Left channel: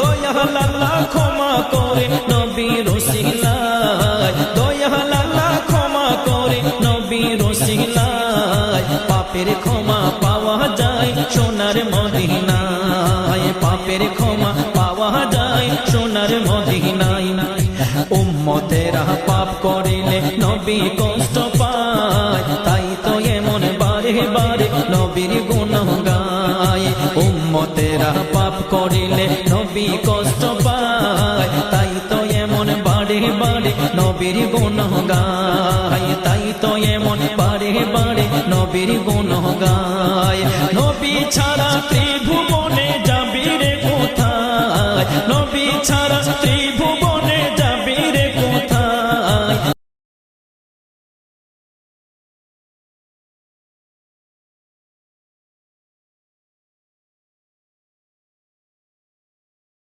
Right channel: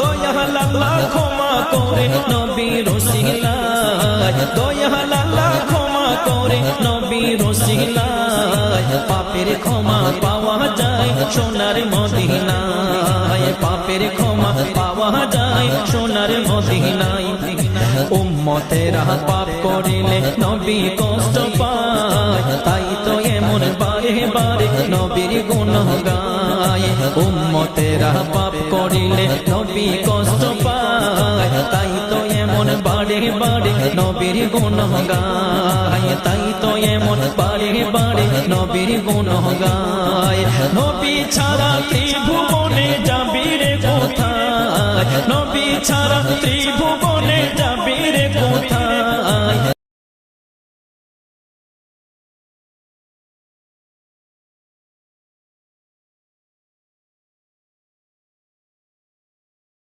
দয়াল আল্লাহ ক্ষমা করে নবীর ওসিলায়, দয়াল আল্লাহ ক্ষমা করে নবীর ওসিলায়, পাপের ক্ষমা পাওয়া যায় সোনার মদিনায়, পাপের ক্ষমা পাওয়া যায় সোনার মদিনায়। উম্মতেরা পাপ করিলে নবী কষ্ট পায়, তাই তো এমন বারে বারে নবীর গুণ গায়। উম্মতেরা পাপ করিলে নবী কষ্ট পায়, তাই তো এমন বারে বারে নবীর গুণ গায়, তাই তো এমন বারে বারে নবীর গুণ গায়। নবী ছাড়া ত্রিভুবনে যাবি রে কোথায়, নবী ছাড়া ত্রিভুবনে যাবি রে কোথায়।